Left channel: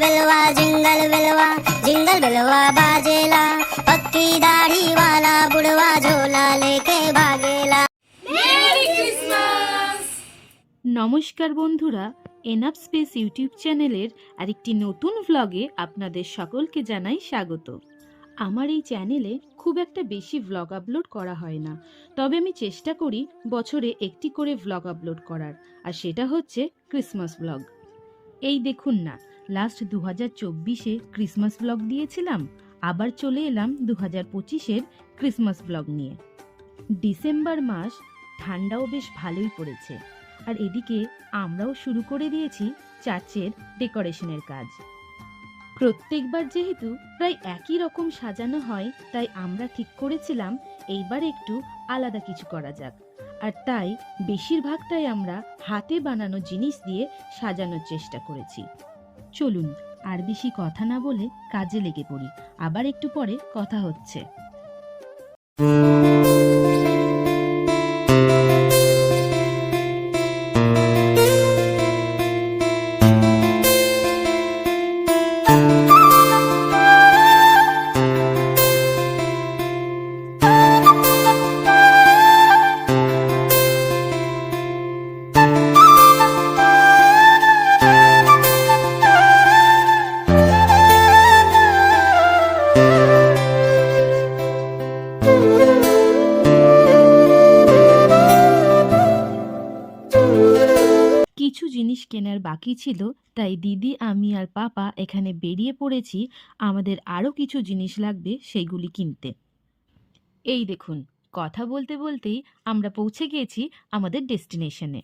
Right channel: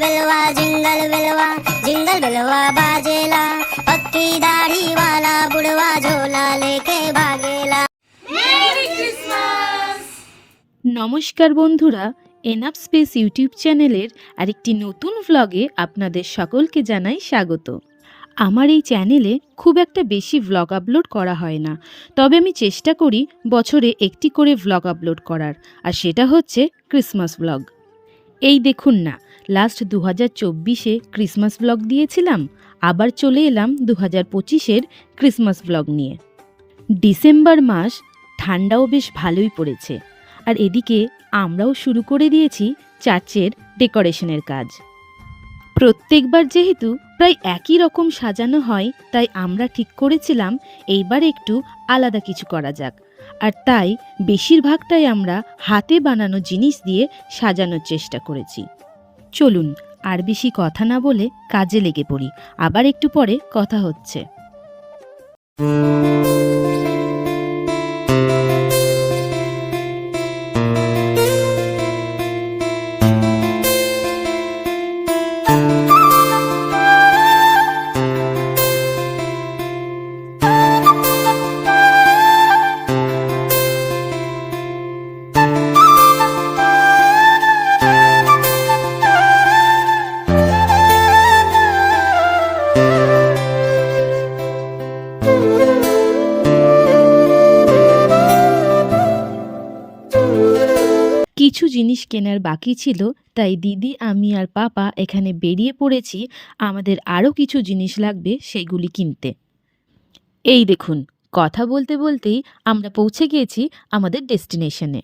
बिलवा जिंगल बिलवा बाजेला, पक्की दाढ़ी वाला बुढ़वा झोला लेके भागेला। Merry Christmas. নমস্কার বন্ধুরা, এনাফ স্পেস ইউটিউব চ্যানেলের আরেকটি নতুন ভ্লগে আপনাদের সকলকে জানাই স্বাগত। আমার এই চ্যানেলে খুব একটা বেশি ভ্লগ আপলোড করা হয় না, তবে আমি চেষ্টা করি বছরে একটি করে ভ্লগ আপলোড করার, আর সেটা হচ্ছে ক্রিসমাস ভ্লগ। এই দেখুন না, লাস্ট 2024-এ ক্রিসমাস ভ্লগ দিয়েছিলাম, আবার চলে এলাম 2025-এর ক্রিসমাস ভ্লগ নিয়ে। ডিসেম্বর মাস, ঠান্ডাও বেশ ভালোই পড়েছে, আর এদিকে আমরাও শুরু করে দিয়েছি চার্চের ডেকোরেশনের কাজ। প্রত্যেকবার যেহেতু প্রায় একই রকম সাজানো হয়, তাই আমরা ঠিক করেছিলাম এইবার একটু আলাদা কিছু করা যাক, আর তাই বেশিরভাগটাই আমরা হাতে বানানো জিনিস দিয়ে সাজানোর চেষ্টা করেছি। চলুন আর বেশি কথা না বলে কাজে লেগে পড়ি, আবার একটু পরে কথা হচ্ছে। কিছু জিনিস কেনার বাকি ছিল, তাই দিদি, আমি আর পাপা এখানে বেরিয়ে পড়েছি। আমাদের আরও কিছু জিনিস লাগবে সেগুলি কিনতে। এই দেখুন, কথা বলতে বলতেই আমরা পৌঁছে গিয়েছি আমাদের ডেস্টিনেশনে।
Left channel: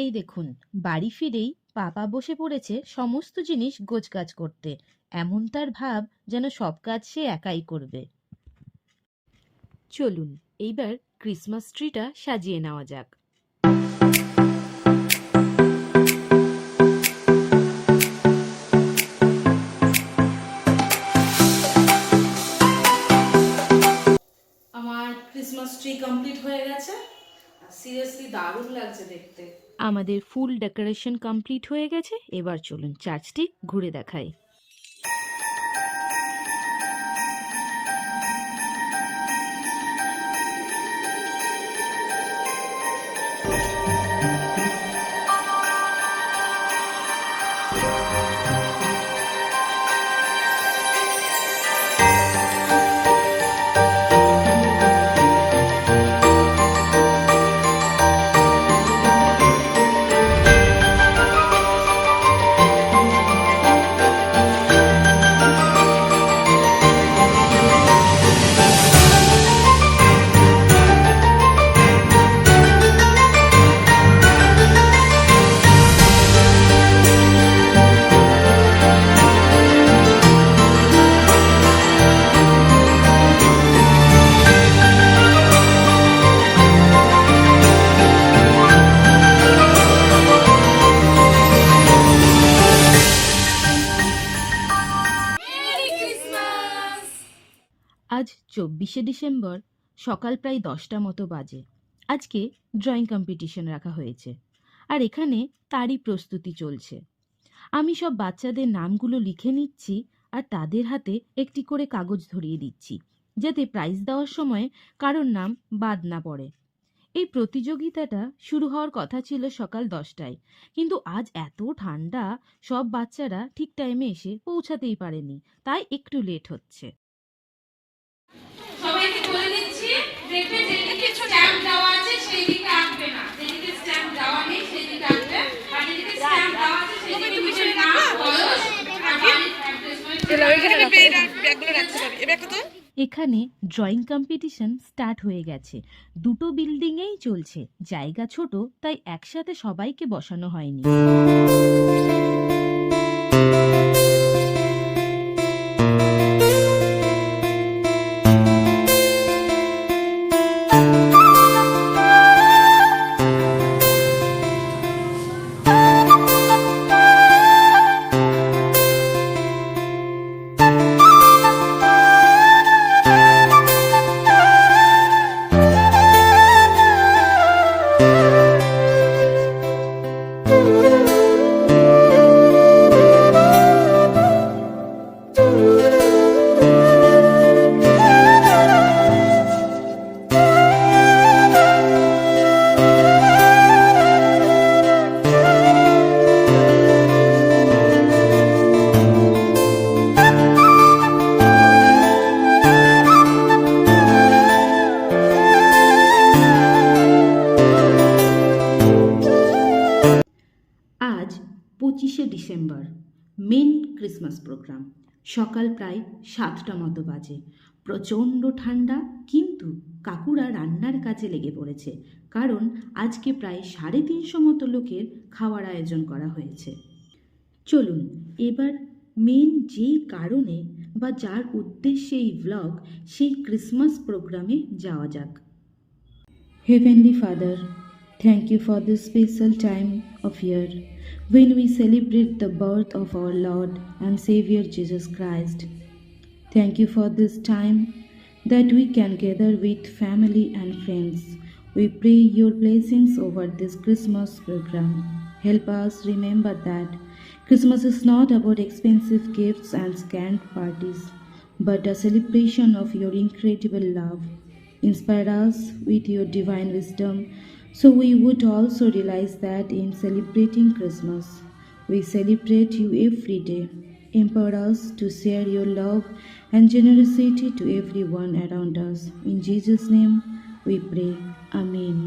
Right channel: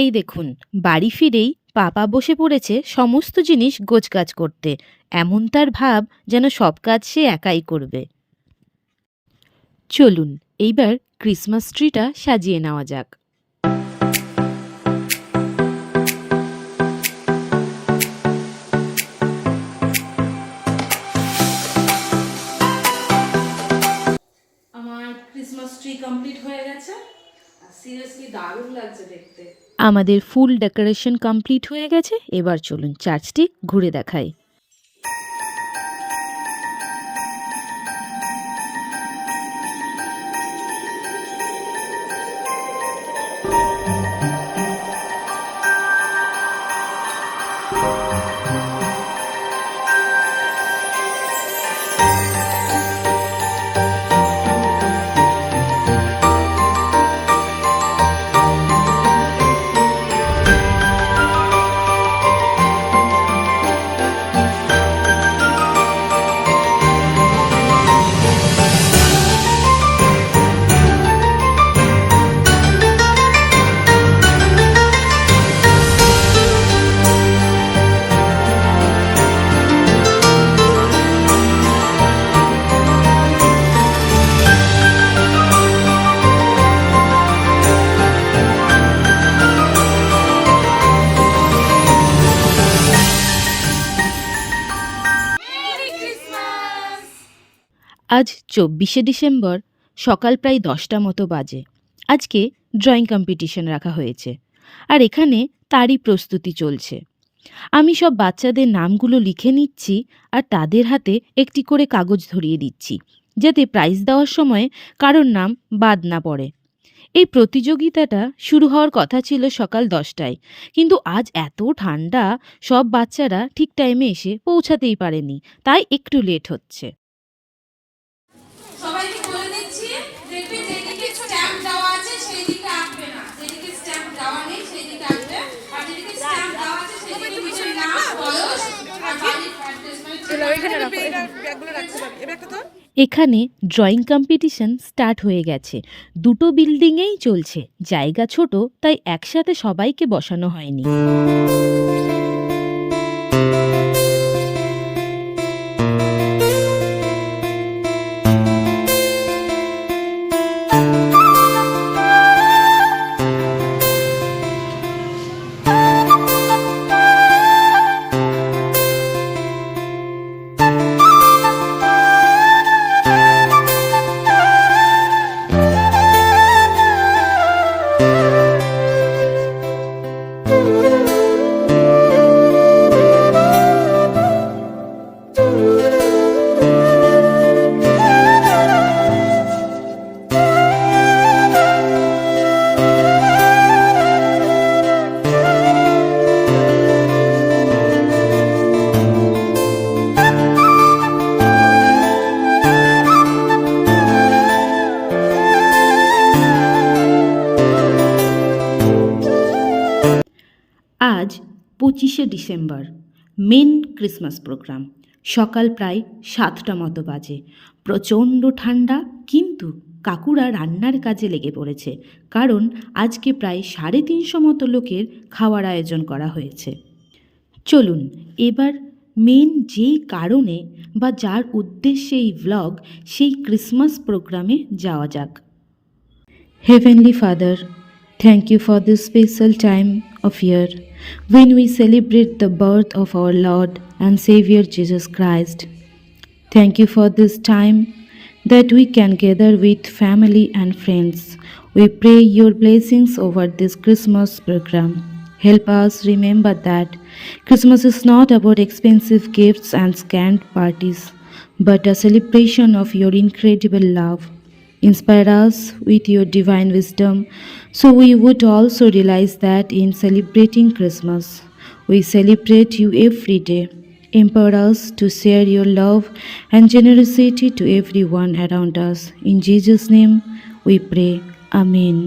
এই দেখুন, বাড়ি ফিরেই পাপা বসে পড়েছে সমস্ত জিনিস গোছগাছ করতে। এমন তার ভাব যেন সব কাজ সে একাই করবে। চলুন এইবার ক্রিসমাস ট্রিটা সাজিয়ে নেওয়া যাক। আমার ক্রিসমাস ট্রি কমপ্লিট হয়ে গেছে, সিরিয়াসলি দারুণ লাগছে দেখতে। আমাদের ফুল ডেকোরেশন কমপ্লিট হয়ে গেছে, এবার চলুন চার্চটি ঘুরে দেখাই। আজ 24শে ডিসেম্বর, সকাল প্রায় 10টা মতো বাজে। আজকে ড্রয়িং কম্পিটিশন রাখা হয়েছে, আর এখানে তারই প্রস্তুতি চলছে। আমি সব বাচ্চাদের নামগুলো লিখে নিচ্ছি, আর তাদের হাতে একটি করে কাগজ ধরিয়ে দিচ্ছি, যাতে প্রাইজ দেওয়ার সময় কারোর নাম বাদ না পড়ে। এই প্রতিযোগিতাটা শুরু হওয়ার কথা ছিল সকাল 10টায়, কিন্তু আজ এত ঠান্ডা, সব বাচ্চারা ঠিক টাইমে এসে পৌঁছাতেই পারেনি, তাই একটু লেট হচ্ছে। সবাইকে বলে দিচ্ছি, দেখবে যেদিকে স্ট্যাম্প দেওয়া আছে সেই দিকে আঁকবে না, যেদিকে স্ট্যাম্প দেওয়া নেই সেই দিকে আঁকবে, আর যেদিকে স্ট্যাম্প দেওয়া আছে সেই দিকে নিজের নাম, বয়স আর বাড়ির অ্যাড্রেস এখানে ড্রয়িং কম্পিটিশন স্টার্ট হয়ে গেছে। দুটো বিল্ডিংয়েই চলছে, জায়গা ছোট, তাই একসাথে সবাইকে বসানো হয়নি। 25 ডিসেম্বর মেন ক্রিসমাস প্রোগ্রাম। সকাল প্রায় 7টা মতো বাজে। প্রচণ্ড ঠান্ডা, কিন্তু কাকুরা রান্নার কাজে লেগে পড়েছে, কারণ আজকে প্রায় 350 মতো লোকের খাওয়ার আয়োজন করা হয়েছে। চলুন এবার মেন যেই কারণে বা যার উদ্দেশ্যে এই ভ্লগ, সেই ক্রিসমাস প্রোগ্রামে যাওয়া যাক। Heavenly Father, thank you for this special time of year when we celebrate the birth of our Lord and Savior Jesus Christ. Thank you for this time that we can gather with family and friends. We pray your blessings over this Christmas program. Help us remember that Christmas is not about expensive gifts and scant parties, but a celebration of your incredible love. Inspire us with your divine wisdom, so we would also realize that in celebrating Christmas, we celebrate you every day. Empower us to share your love and generosity to everyone around us. In Jesus' name we pray. Amen.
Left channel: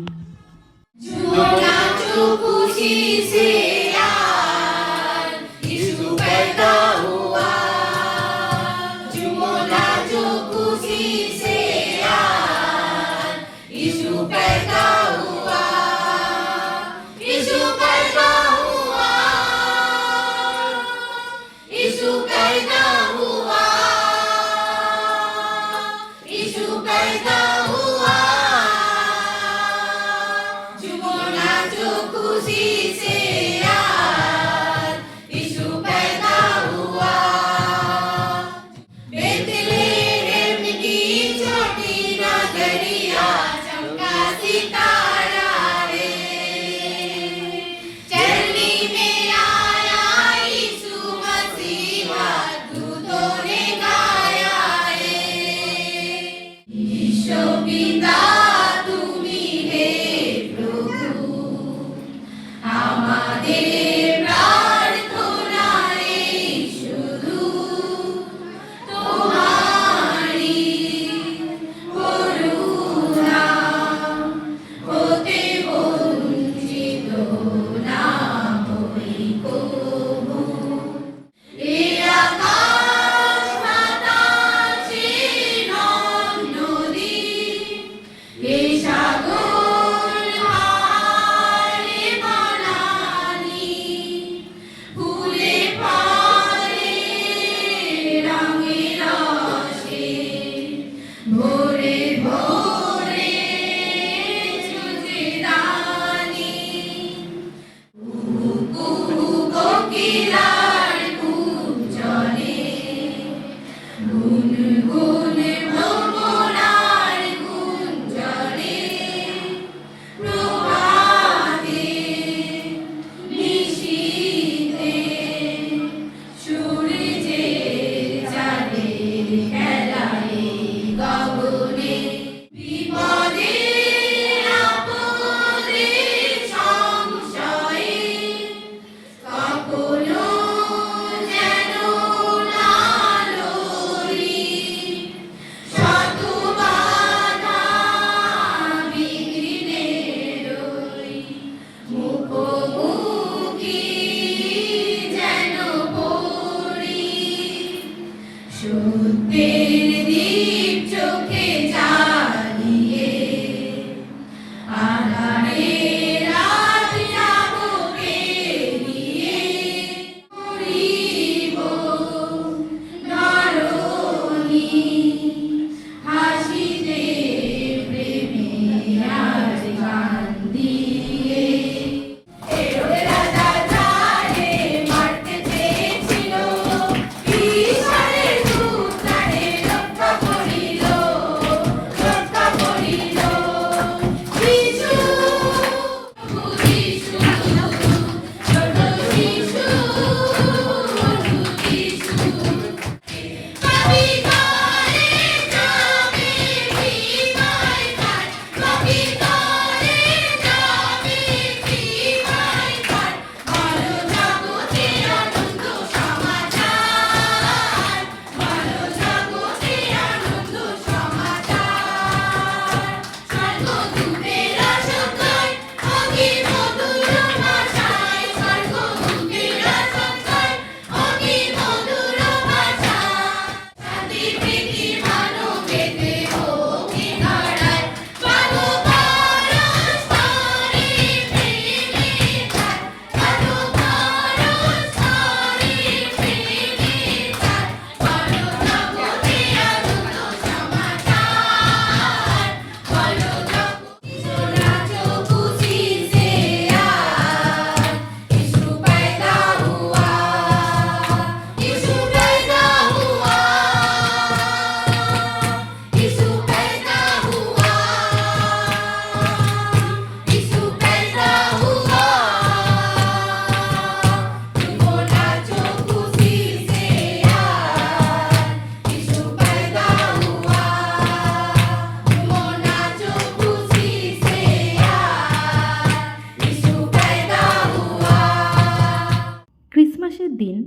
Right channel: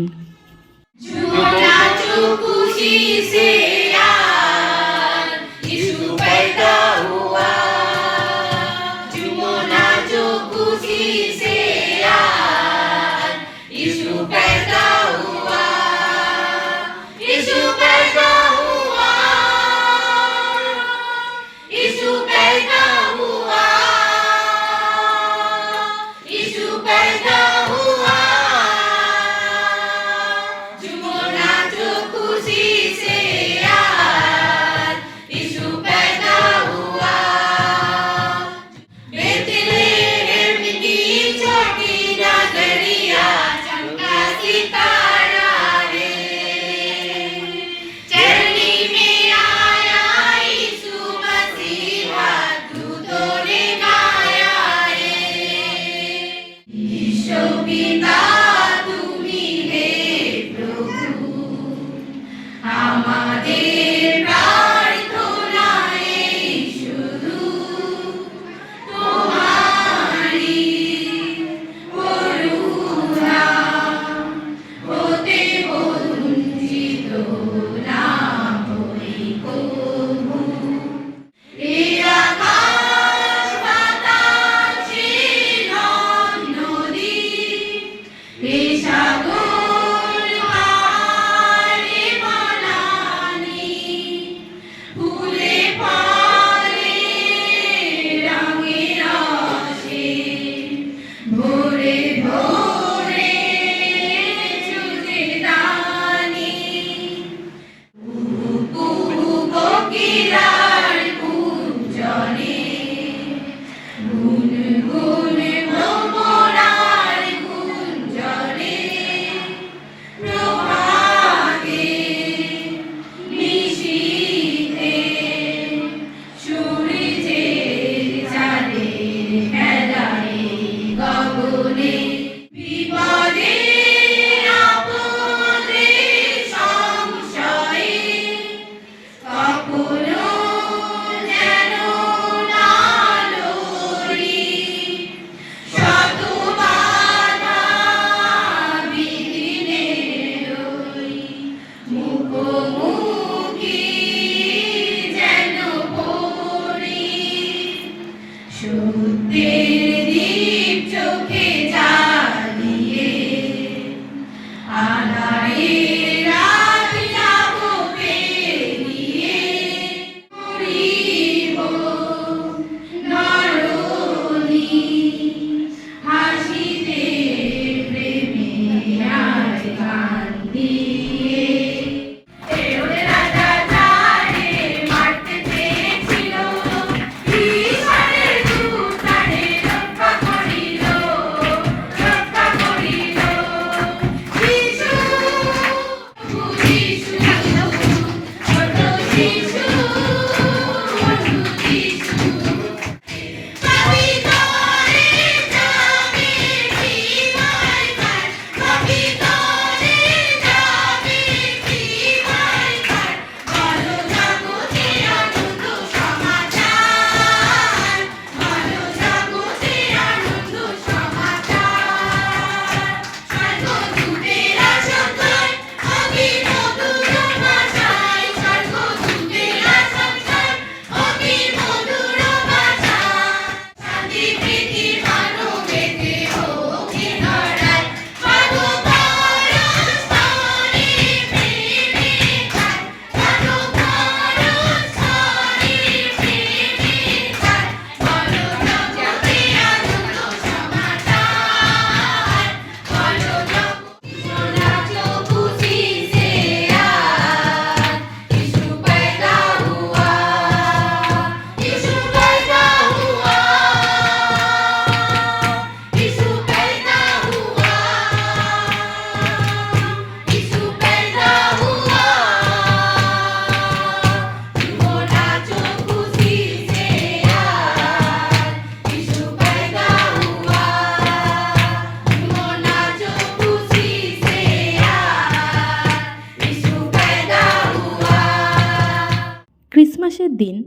ক্রিসমাসের দিন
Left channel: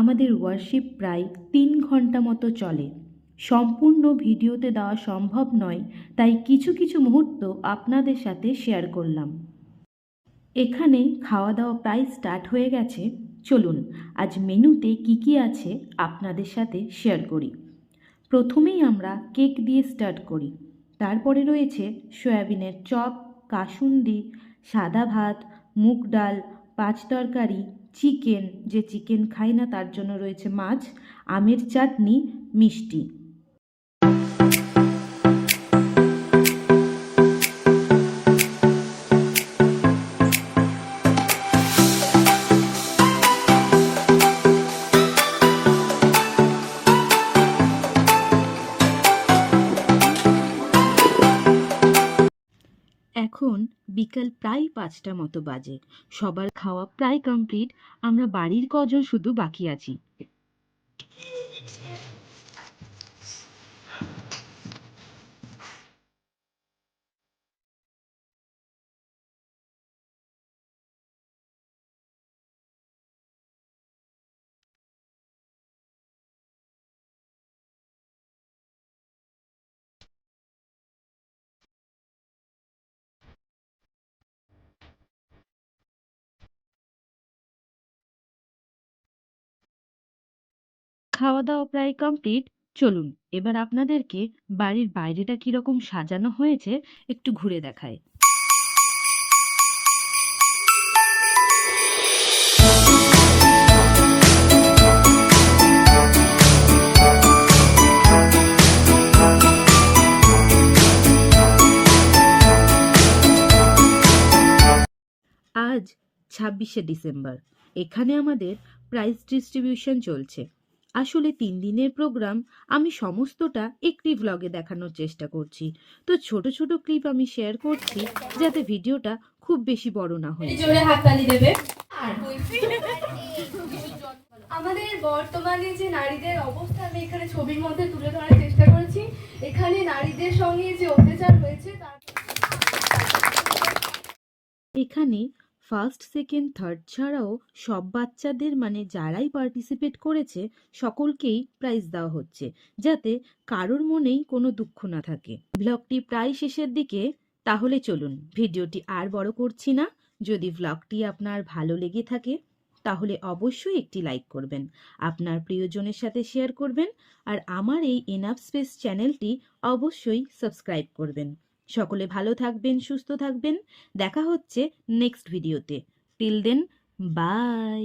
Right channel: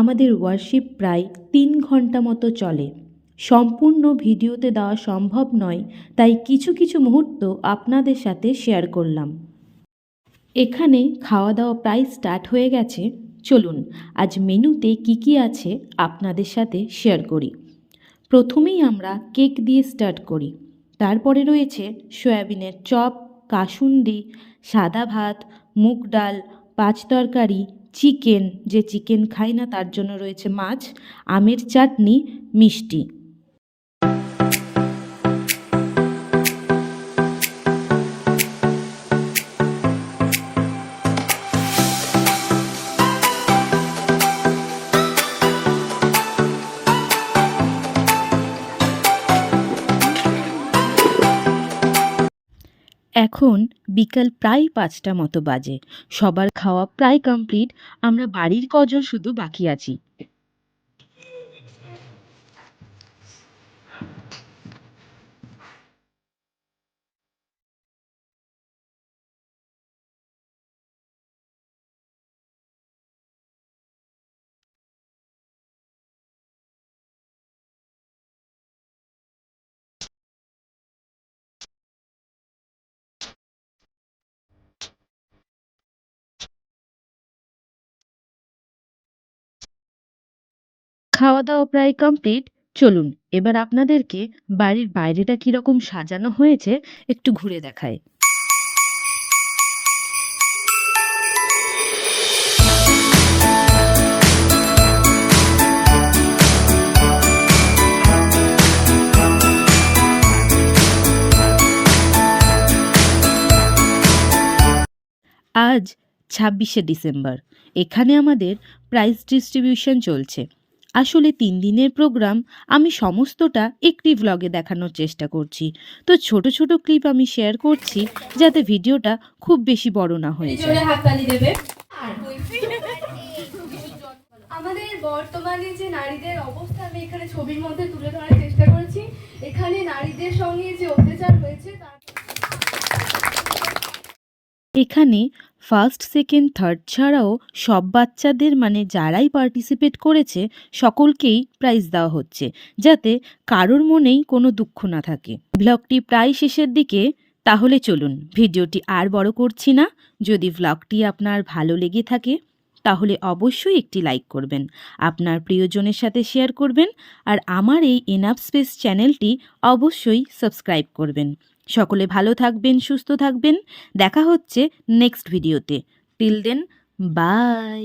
আমাদের worship প্রায় 3 ঘন্টা মতো চলে। সম্পূর্ণ ভিডিওতে দেওয়া সম্ভব নয়, তাই কিছু কিছু মুহূর্ত আপনাদের সাথে শেয়ার করলাম। এখানে খাওয়া দাওয়া প্রায় স্টার্ট হয়ে গেছে। চলুন আজ মেনুতে কি কি আছে আপনাদের সাথে শেয়ার করি। প্রথমেই আমরা কেক দিয়ে স্টার্ট করি। তারপরে রয়েছে সয়াবিনের চপ, কাসুন্দি, সাদা ভাত, মুগ ডাল, পাঁচ তরকারি, চিকেন, যে চিকেন খাই না তার জন্য রয়েছে মাছ, আমের চাটনি, মিষ্টি। এখন বিকাল প্রায় 5টা মতো বাজে। সবার খাওয়া প্রায় কমপ্লিট। আমরা বাড়ির কজন শুধু বাকি আছি। খাওয়া দাওয়া প্রায় কমপ্লিট। চলুন এবার আপনাদেরকে বাড়ির বাইরেটা কিরকম সাজানো হয়েছে একটু ঘুরে দেখায়। আজ 26শে ডিসেম্বর। এখানে আমাদের প্রাইজ ডিস্ট্রিবিউশন চলছে। আসলে 3 দিনের প্রোগ্রাম, আমি সমস্তটা একটি ভ্লগে দেখানোর চেষ্টা করছি। তো ছোট ছোট ক্লিপ আমি শেয়ার করছি যাতে ভিডিওটা খুব বেশি বড় না হয়ে যায়। জোরে হাততালি দেবে। আমাদের বর্তমানে যে নারীদের অবস্থা আমি এখানে ছবির মধ্যে তুলে ধরার চেষ্টা করেছি। এখানে নারীদের সঙ্গে যে অত্যাচার হয়েছে তার এখানে ফার্স্ট, সেকেন্ড, থার্ড ছাড়াও সব বাচ্চাদের মানে যারাই পার্টিসিপেট করেছে সকলকেই প্রাইজ দেওয়া হচ্ছে, যাতে কারোর মনেই কোনো দুঃখ না থাকে। ব্লগটি প্রায় শেষের দিকে, তাহলে চলুন ভিডিওটি আর বড় করছি না। যদি ব্লগটি আপনার ভালো লেগে থাকে তাহলে অবশ্যই একটি লাইক করবেন, আপনার প্রিয়জনের সাথে শেয়ার করবেন, আর আমার এই এনাফ স্পেস চ্যানেলটি অবশ্যই সাবস্ক্রাইব করবেন। সকলে ভালো থাকবেন, সুস্থ থাকবেন। দেখা হচ্ছে নেক্সট ভিডিওতে। Till then, by.